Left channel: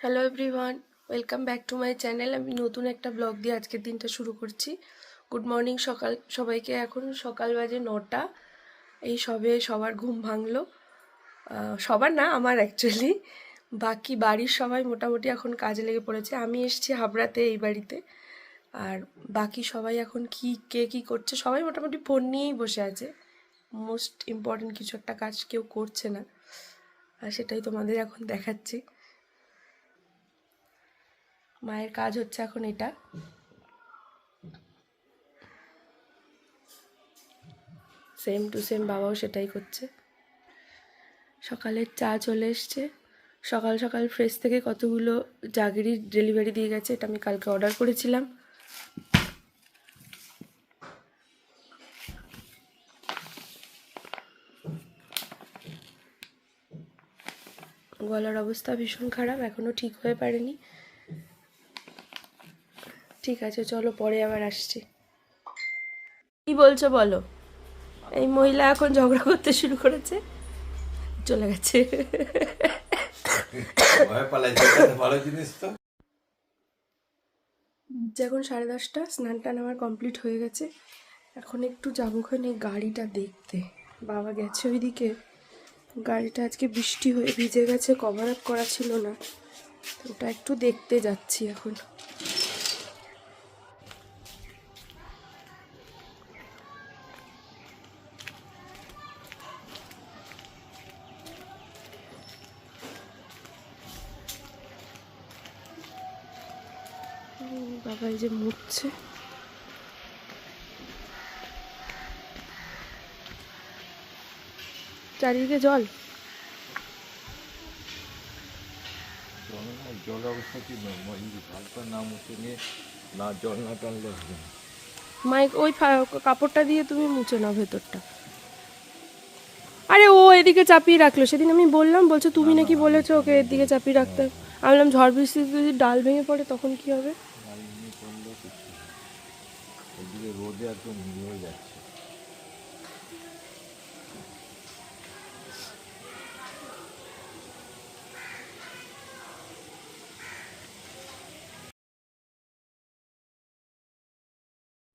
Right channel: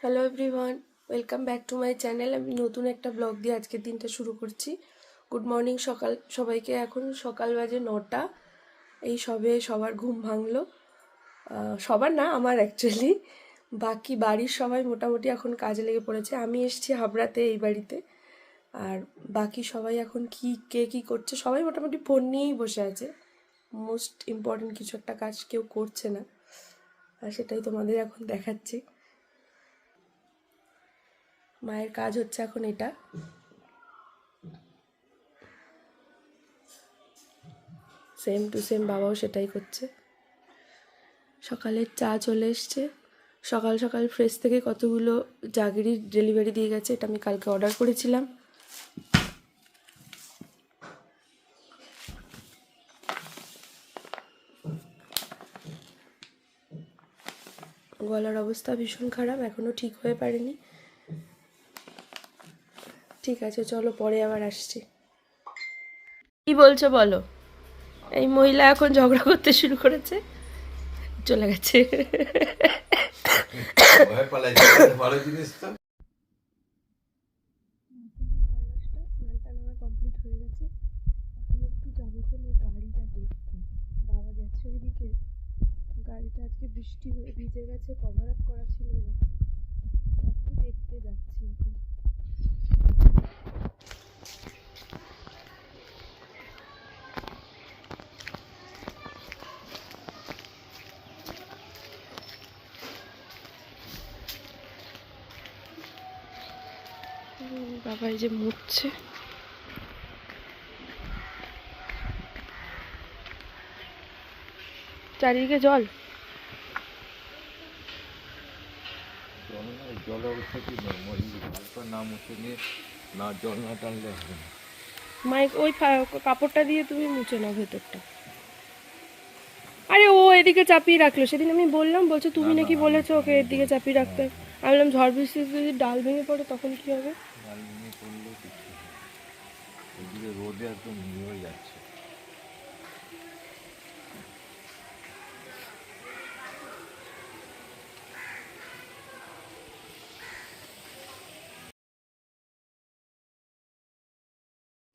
Hello everyone, welcome back to my channel. আমি নতুন একটা ব্লগ দিয়ে আজকের দিনটা শুরু করছি। গুড মর্নিং সবাইকে। এখন সকাল বাজে 9টা। এই সবে সবার ঘুম ভাঙলো। সবার না, আমার অ্যাকচুয়ালি। বাকি বাড়ির সবাই মোটামুটি এখন কাজে লেগে পড়েছে। আমি এসেছি হাবড়াতে, এই বাড়িতে। আর বাকি সবাই এখন কে কী করছে, সবাই মোটামুটি ফোন নিয়েই বসে আছে। মোস্ট ইম্পর্টেন্ট কিছু একটা কাজ কেউ করছে না, আর সেটাই তোমাদের এখন দেখাচ্ছি। মায়ের কাজ হচ্ছে এখন এটা। সেম টু সেম বাবাও সেটাই করছে। সকালের চা চলে এসছে। সকাল সকাল ফ্রেশ থেকে কতগুলো জাগিরি ডেলিভারি দিয়ে গেছে। এটা আমি কালকে অর্ডার করেছিলাম। গলার অবস্থা ভীষণ খারাপ, এখনও ঠিক হয়ে পারেনি। ঠিক আছে, চলো পরে আবার আসছি। কি বলছো বলো? এই মহিলা এখন ঝগড়া করতে শুরু করেছে, চলে গেছে। এখন 10:30, স্নান টান আমার কমপ্লিট হয়ে গেছে। এখন একটু যাবো ওখানে গাড়িটা দেখতে। বাবা গেছে ওইদিকে। গাড়িটা আজকে বৃষ্টি হয়ে ভিজে গেছে, কভার আপ করা ছিল না, ওটা একটু দেখতে যাচ্ছি এখন। বাবা এই যে মুছছে। চারিদিকে জল। জল অবস্থা কি হালকা না মুছে নিয়ে না জল না টানলে হবে না। মাইক ওই কাপড়টা দিয়ে তুমি মুছে নাও ভেতরটা। আরে ও এদিকে চাপিয়ে রাখলো, সেদিন আমি বললাম, বলছো তুমি নাকি বলেছো ওকে এদিকে চাপিয়ে রাখতে। আমি বললাম ঝড় বৃষ্টিতে যদি ডাল ভেঙে পড়ে তখন কি হবে? ডাল নিয়ে পড়লেও কিছু এদিকে রোদে একদম ভিজে হয়ে যাচ্ছে।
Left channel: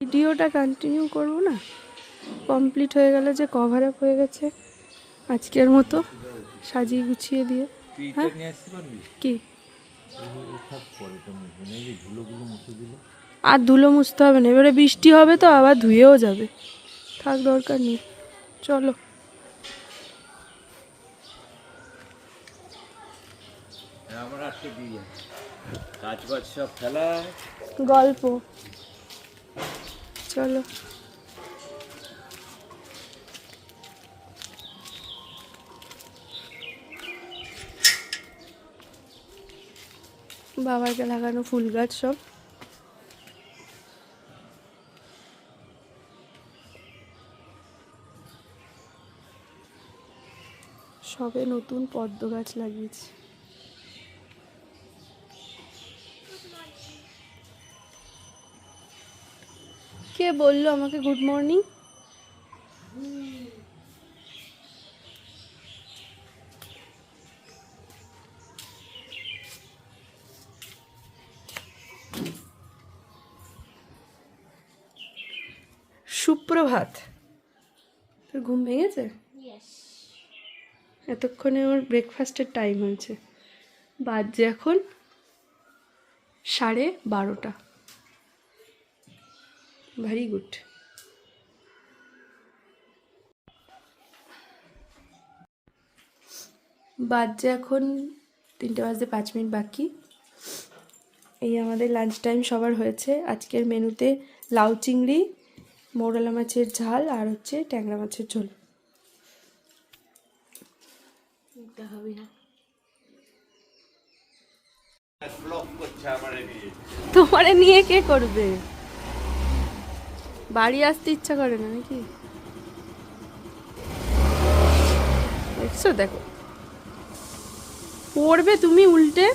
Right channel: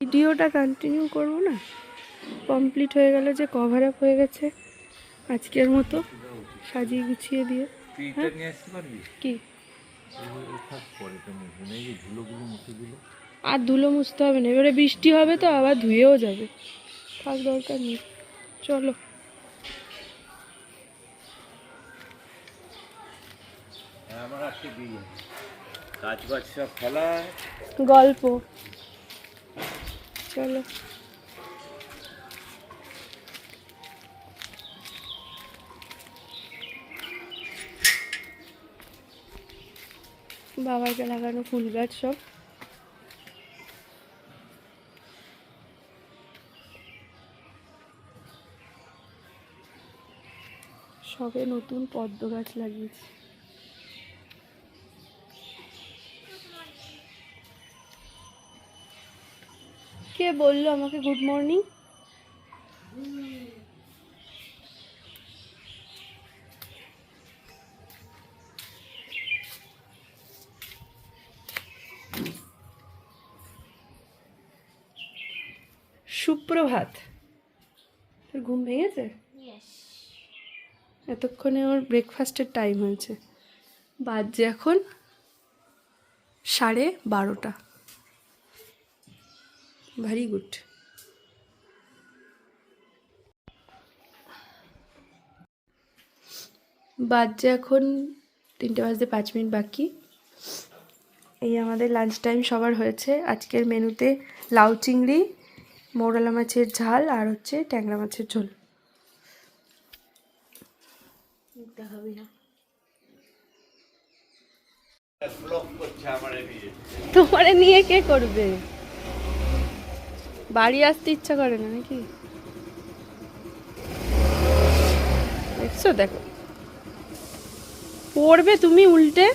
ভিডিওটা কন্টিনিউ করবো না, কমপ্লিট হয়ে গেল, যে কভার আপ হয়ে গেছে আজকের মতো সাজিয়ে গুছিয়ে দিয়ে। হ্যাঁ কি আর ধুলো মুছতে হবে না, এবারে বৃষ্টি হবে তো আবার ধুয়েও যাবে, থাক দরকার নেই। চলো কাজ বাজ সব ফেলা গল্প। চলো বাবাকে লাগানো ফুল গাছ সব। সবে নতুন পদ্ম গাছ লাগিয়েছি। কে বললো আমাকে গুড মর্নিং? সুপ্রভাত। তোর ঘুম ভেঙেছে? এতক্ষণে ওর ব্রেকফাস্টের টাইম হয়েছে। বাজে এখন 12:30। Very good. বাজে এখন 3:05 বাকি। এই আমাদের লাঞ্চ টাইম সবার হয়েছে। আজকের মেনুতে লাউ চিংড়ি, মৌরলা মাছের ঝাল, আর হচ্ছে ট্যাংরা মাছের ঝোল। দেখাবি না? তোমারে নিয়ে কে করবে? বাড়ি আসতে ইচ্ছা করে না নাকি? দেখছো, দেখো পড়বে তুমি উল্টে।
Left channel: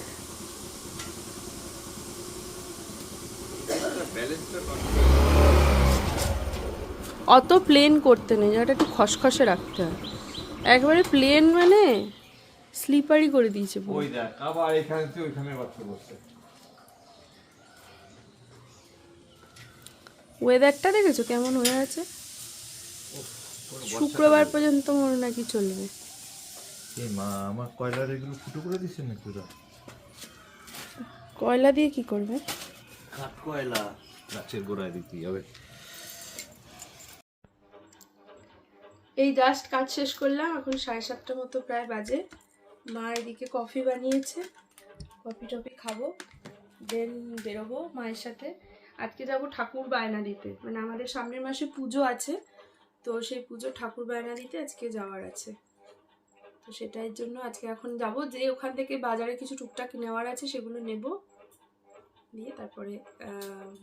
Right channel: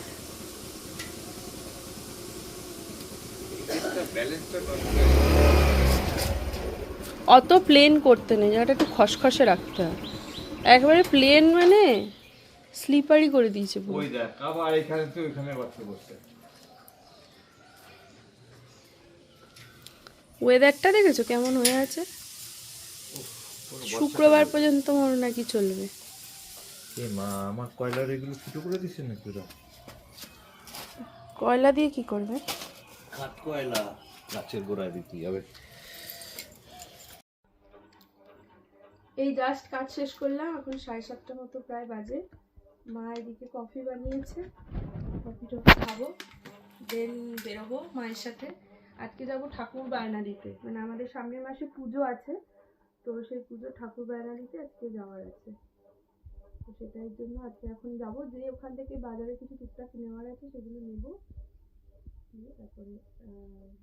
অত প্লেন করতে নেই, জায়গাটা একটু খসখসে রাখতে হয়। একবারে প্লেন মানে স্লিপারই করে দিয়েছে পুরো। ওই দেখ আবার এখানে তুই ওইখানে বাচ্চা বসছে। ওয়েদারটা দেখেছো কেমন হয়ে আছে? শুক্রবার পর্যন্ত মনে নাকি চলবে। এই মা আমার কয়লার এগুলো ফুটো করে দিচ্ছে নাকি ওরা? কয়লা দিয়ে কি করবে? কাঠ কয়লা গাছের গোড়ায় দিতে হবে। এই জাস্ট কাজ শেষ করলাম, এখন 7:30 মতো প্রায় বাজে। মা এদিকে কফি বানিয়েছে, কফি টফি খাবো, দেন বেরোবো মায়ের সাথে। আজকে যাব ঠাকুর বায়না দিতে, মানে আমাদের সামনের মাসে পুজো আছে, তো সেই পুজো ঠাকুর বায়না দিতে আজকে যাওয়ার আছে। তো সেটার জন্য আজকে এখন যাব, যে ওখান থেকে বাজারে কিছু টুকটাক নেওয়ার আছে সেগুলো নেব, নিয়ে তারপরে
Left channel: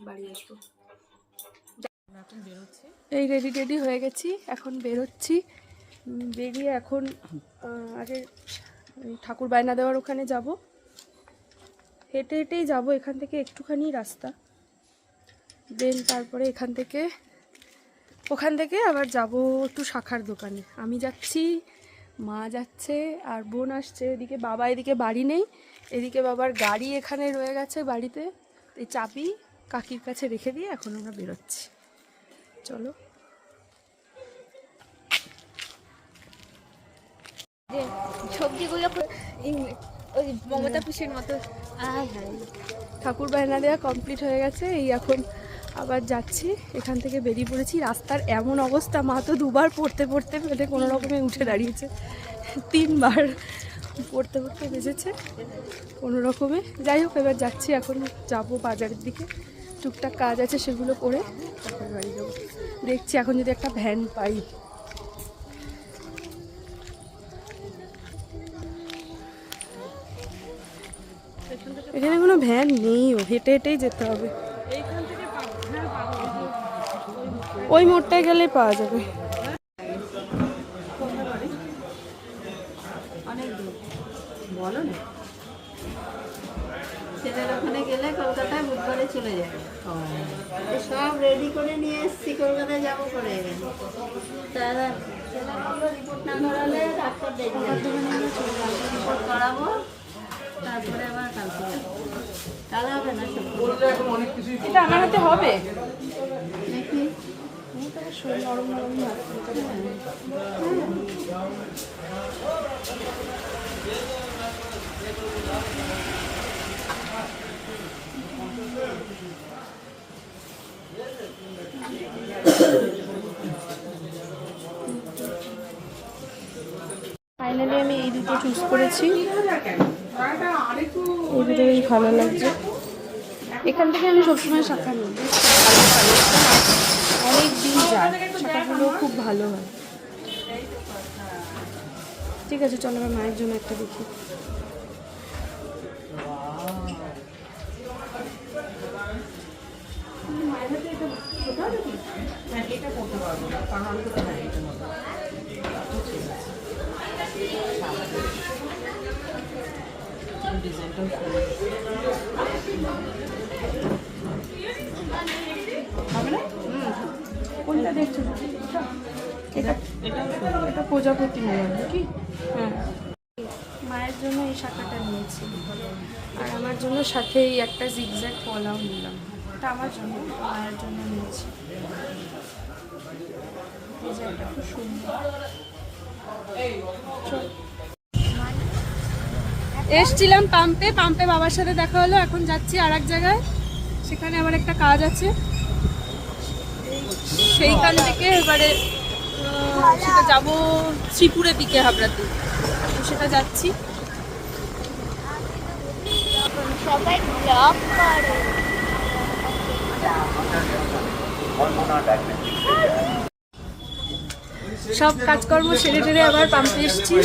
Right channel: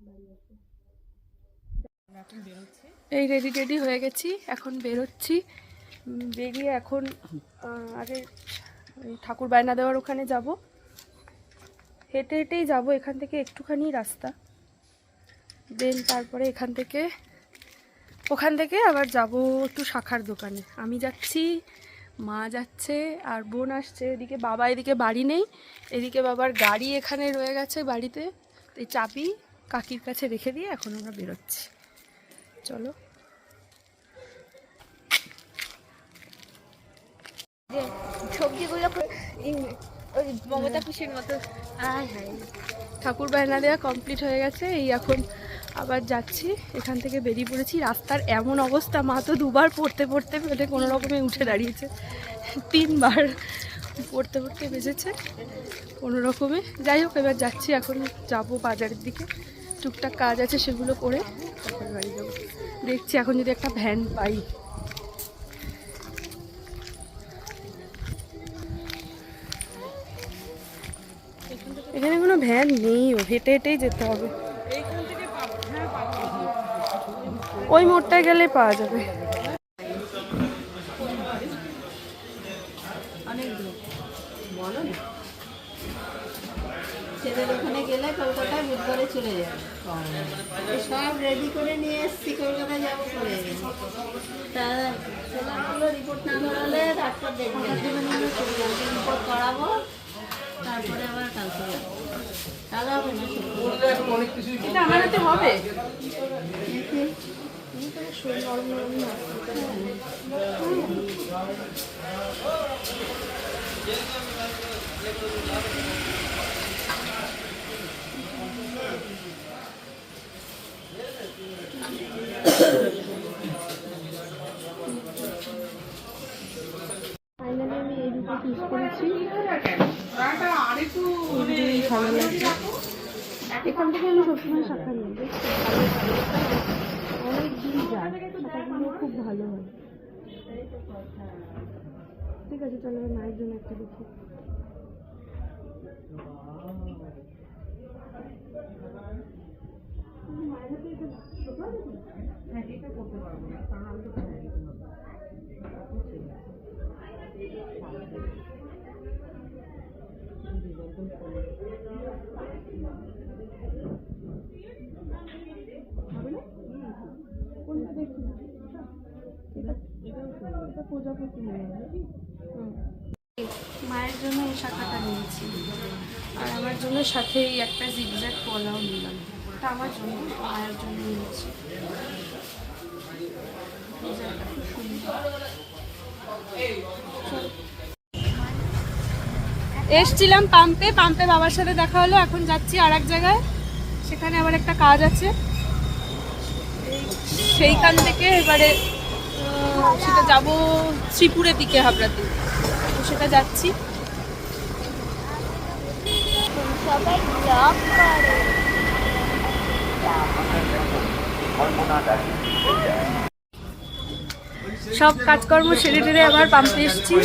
বাড়ি আসবো। এই রেডি টেডি হয়ে গেছি, এখন বেরোচ্ছি। বেরিয়ে এখন আগে ঠাকুর বায়না দেওয়ার ওখানে যাব। হেঁটে হেঁটেই যাব, এখান থেকে একটুখানি রাস্তা। দেন তারপরে ওখান থেকে আবার যাব একটু শাখার দোকানে। আমি যাচ্ছি, মা যাচ্ছে, আর বোন আসছে। এদিকে বাড়ি নেই, এদিকে বাবার গাড়ি এখানে রয়ে গেছে বাড়িতে। এই চাবি কাকির কাছে রেখে দিয়ে এখন আমরা বেরোচ্ছি। চলো। সবজিগুলো ওই মমতা পিসির মতো। ঠাকুর বায়না দেওয়া কমপ্লিট হয়ে গেছে, এই এখন আবার যাচ্ছি। এখান থেকে বেরিয়ে পড়েছি। রাস্তার এমন অবস্থা, মা তো দুবার পড়তে পেটে কোনো রকমে উঠে দাঁড়িয়েছে, 3বার পড়তে বেজেছে কোনো রকমে। যাই হোক, এবার যাচ্ছি, এখন যাব বাজারের দিকে, টুকটাক কাজ আছে সেগুলো করে তারপরে বাড়ি যাবো। দেখছি এখন যদি একটা ভ্যান পাই। এখানে কোনো ভ্যান নেই, হেঁটে হেঁটেই যেতে হবে। ওই মোড়টায় গেলে পাওয়া যাবে। অনেক দূর বলো না, ছেলের ওখানে গেলে কলকাতা বুধবারে চলে যাবে। সব রেডি করে নিয়ে এসছি, কলকাতা যাবো করে। ছেলেগুলো রিপোর্ট না করালে ডাক্তার দেখবে, রিপোর্ট করাবো, তারপরে আবার কালকে কাল হবে না। এটা আমার হাতে হবে দেখি ফাইনালি আমি এই দুটো চুজ করেছি, এই দুটোই ভালো লাগছে। এখান থেকে আমি সবসময় শাখা নিই, বেশ ভালো কালেকশন, আর অনেক দিন যায়, শাখাগুলো খুব ভালো হয়। ঠিক আছে, চলো আমার মায়ের জন্য একটা দেখি। কোনটা দেখছো? এটা প্রজাপতি মনে হয় নাকি? হ্যাঁ, মায়ের জন্য এই শাখাটা নিয়েছি, আর আমার জন্য সাথে এই একটা জিগজ্যাগ কলাও নিলাম। এটা আমার জন্য, মায়ের জন্য নিয়েছি। ডিজাইনটা খুব সুন্দর। এসছিলাম পাম্পে বাবার সাথে দেখা হলো, এখন যাচ্ছি আর এক জায়গায়, সেখানে আবার একটা কাজ আছে। সেইখান থেকে এবারে সেটা যাব শ্রীপুরের দিকে, হাবড়াতে, তো সেটা যাচ্ছি। সবাই ব্লগ করে। সব কাজকর্ম সেরে টেরে আবার পাম্পে এসছি,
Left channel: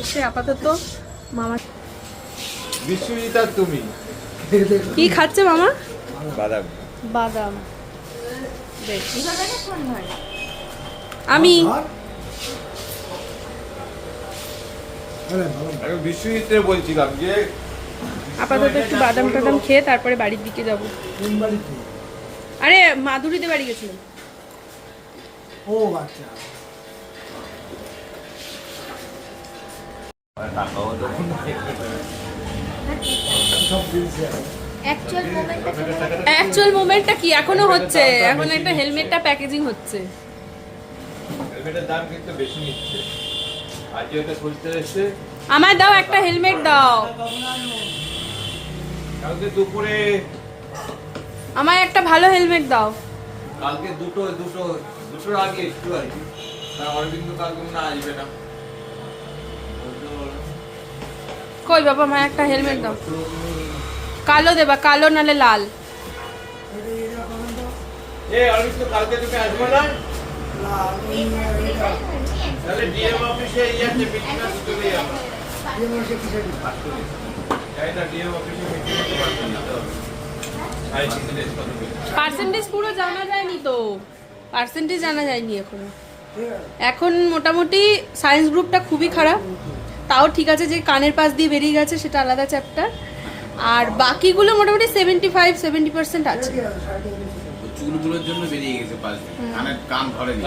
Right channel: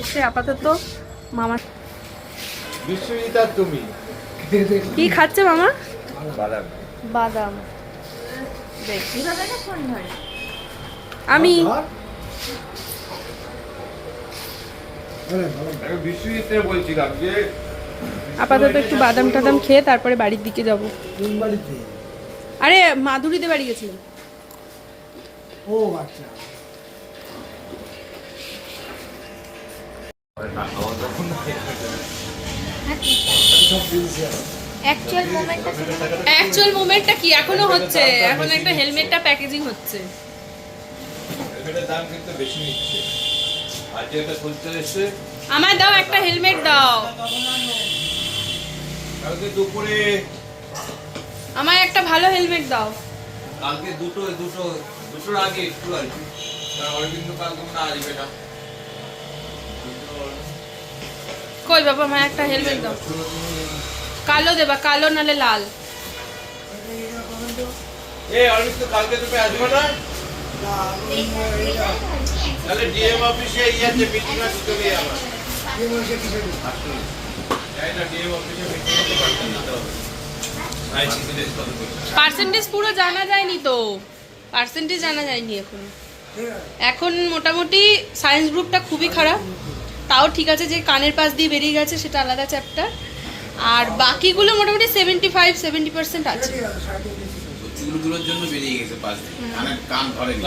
এসে আপাতত মামা বিশ্বজিৎ তুমি কি খাচ্ছে মামা? বাদাম। বাদাম। দেখ আমি বিশ্বজিৎ বলছিলাম যে আপাতত একটু বাদাম টাদাম খেয়ে তারপরে বাড়ির দিকে যাব। আরে মাধুরীতে বাড়ি গেছিলাম। ও আচ্ছা। টাকাও তখন অ্যাকচুয়াল মোমেন্টটা কি এখনো হচ্ছে, এখন একটা হেলমেটটা প্যাকেজিং হচ্ছে। হেলমেটের দাম কিন্তু বেশি নিচ্ছে। আর যেটা খুলতে এসছে আমায় দাও একটা হেলমেট দাও, কালকে দুপুরে, আমায় একটা ভালো হেলমেট দাও। কালকে দুটোর আগে একটু আর কি। কারণ অরবিন্দ কালকে মনে হয় আসবে না। কই বাবা, আমায় একটা হেলমেট দাও, কালো দেবা, কালো নালে লাল। অরবিন্দ কালকে তুমি আসবে না? তাহলে ডিএম অফিসে ইয়াতে মিটিং আছে, চলে যাবো। ডিএম অফিসে মিটিং পার্সেন্টেজ পুরো জানা যায়নি তো, পার্সেন্টেজ জানা যায়নি এখনো। এখন মোটামুটি সায়েন্স গ্রুপটা খুবই খারাপ, তাও ঠিক আছে যে কানের পাশ দিয়ে বেরিয়ে গেছে সেটা আলাদা চ্যাপ্টার, আর বাকিগুলো মোটামুটি 75-70% আছে। চুলগুলোর জন্য বেরিয়ে গেছে পাশ দিয়ে, কান ধরেনি।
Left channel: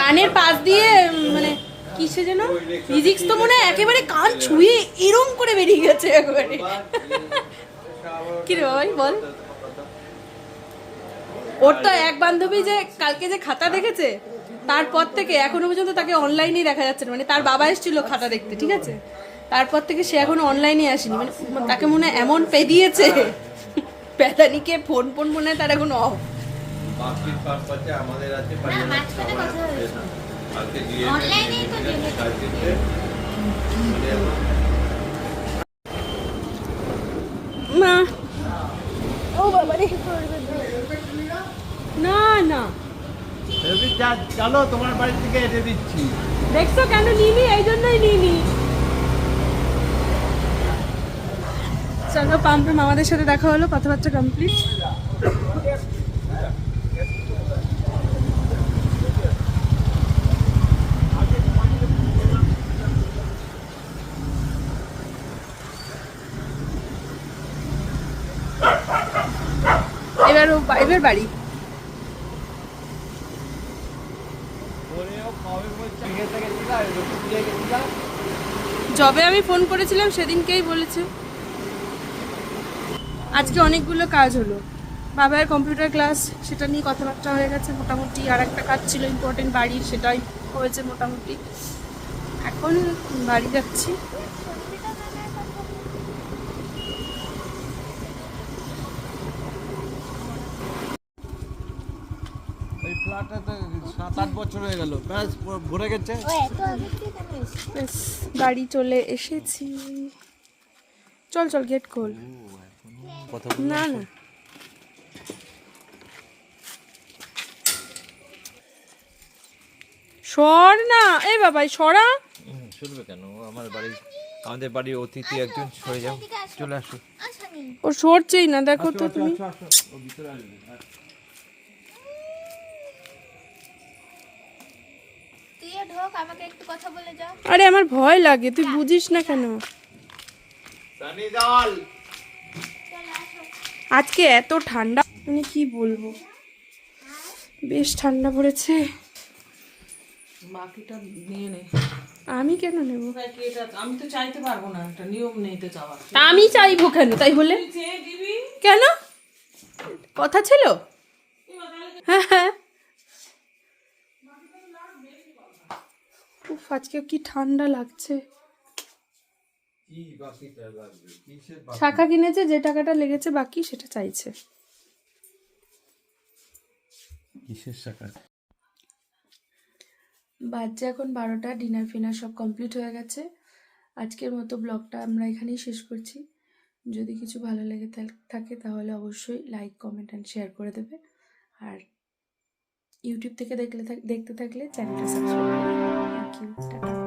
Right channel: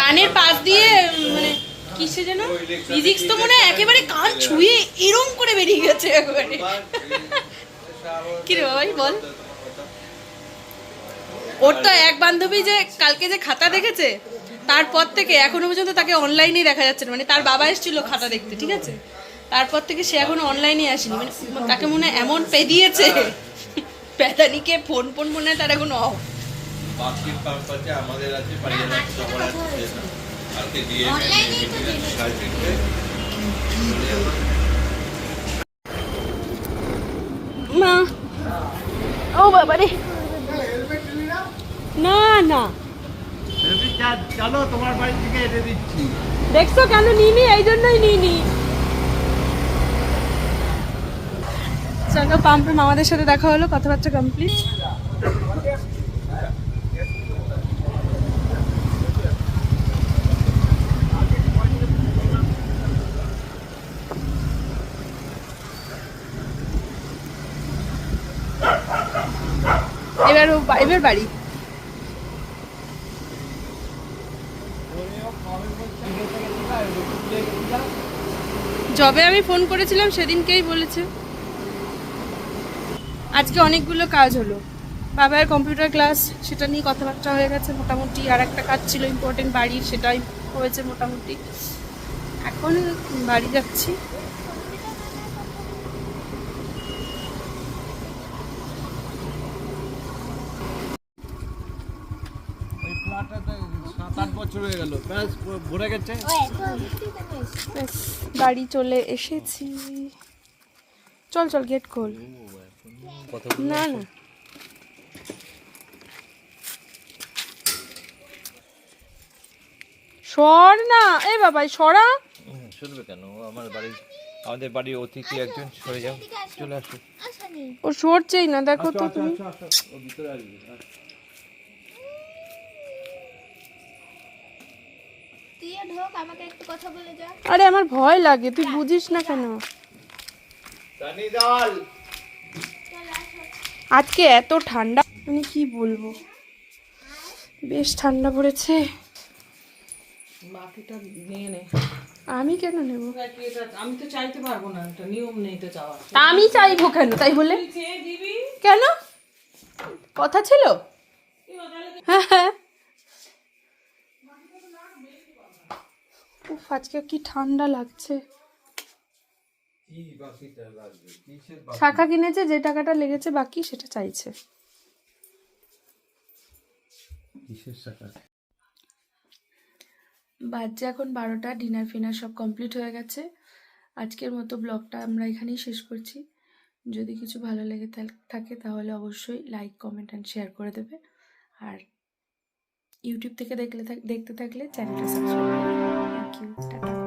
কানের পাশ দিয়ে মানে কিসে যেন ফিজিক্স তো মনে হয় একেবারে কান ছুঁয়ে এরম করে বেরিয়ে গেছে একেবারে। কি রে ভাই বল, ওর তো এক বান্ধবী যে কালকে যে খাতা দেখেছে তারপর থেকে এখনো পর্যন্ত তাকে অনলাইনেই দেখা যাচ্ছে না, মানে তার বাবা এসেছিল খাতা দেখতে, ঠিক আছে, তারপর থেকে সে এখনো অনলাইনে আসেনি, মানে তাকে মনে হয় এমন পেদিয়েছে পেদানিকে ফোন মনে হয় তার এখন অফ। বার্ষিক পাম্প আছে, আমাদের আছে, কালকে দিয়ে মা ও বাবা রে, না না চলো তোমার বাড়ি থেকে এনে দিচ্ছি। দেখছো কেন নিনি, এই জন্যই নিনি। চলো পাম্পে মামাদের সাথে দেখা হলো, কথাবার্তা কমপ্লিট। এবার বাড়ি যবে আমি ফোন করেছিলাম সেদিনকেই বলেছে। আজকে অনেকগুলো কাজ হলো, বাবার কম্পিউটার ক্লাস সেটা নিয়ে কথাবার্তা হয়ে গেছে মোটামুটি, আর একটা কাজ ছিল ইম্পর্টেন্ট বাড়ির, সেটাই হয়েছে মোটামুটি। এখন বাড়ি যাচ্ছি। এই ফ্ল্যাটে 7-8 বছর হয়ে গেল, ব্যাস ভরে গেছে। ব্যাস বাড়ি চলে এসেছি। চল চল গেট খোল। না না সর না, এই বাবাই সরা। শুনবে কেন? আমাদের বাড়ির অতিথি একজন, সরে যাও, চলে আসো। ও সরছেই না, দেখো তো তুমি। ও ভিতরে আসবে। আরে আমার ভয় লাগে, তুই বুঝিস না কেন? আজকে এত ঠান্ডা, মানে কি বলবো, বেশ ঠান্ডা পড়েছে। বাকিটা নিয়ে নে। আমি কেন নেব? আমি তো চাইতে পারবো না, এটা নিয়ম নেই তো চাওয়া। তা আমি চাইবো কেন? তাই বলে চেয়ে দিবি। কেন? কথা ছিল। হ্যাঁ হ্যাঁ, উফ, আজকে কি ঠান্ডা লাগছে। শাখা কিনেছে, যে টাকাটা লেগেছে বাকি সেটা চাইছে। কিসের শাখা? বাজছে এখন 12টা, ডিনার ফিনার সব কমপ্লিট হয়ে গেছে। আজকের মতো ব্লগটা আমরা এখানেই শেষ করছি। যদি কিছু ভালো লেগে থাকে তাহলে অবশ্যই লাইক, কমেন্ট অ্যান্ড শেয়ার করে দেবে। আর ইউটিউব থেকে দেখতে থাকলে চ্যানেলটা সাবস্ক্রাইব করে দেবে। Thank you, tata.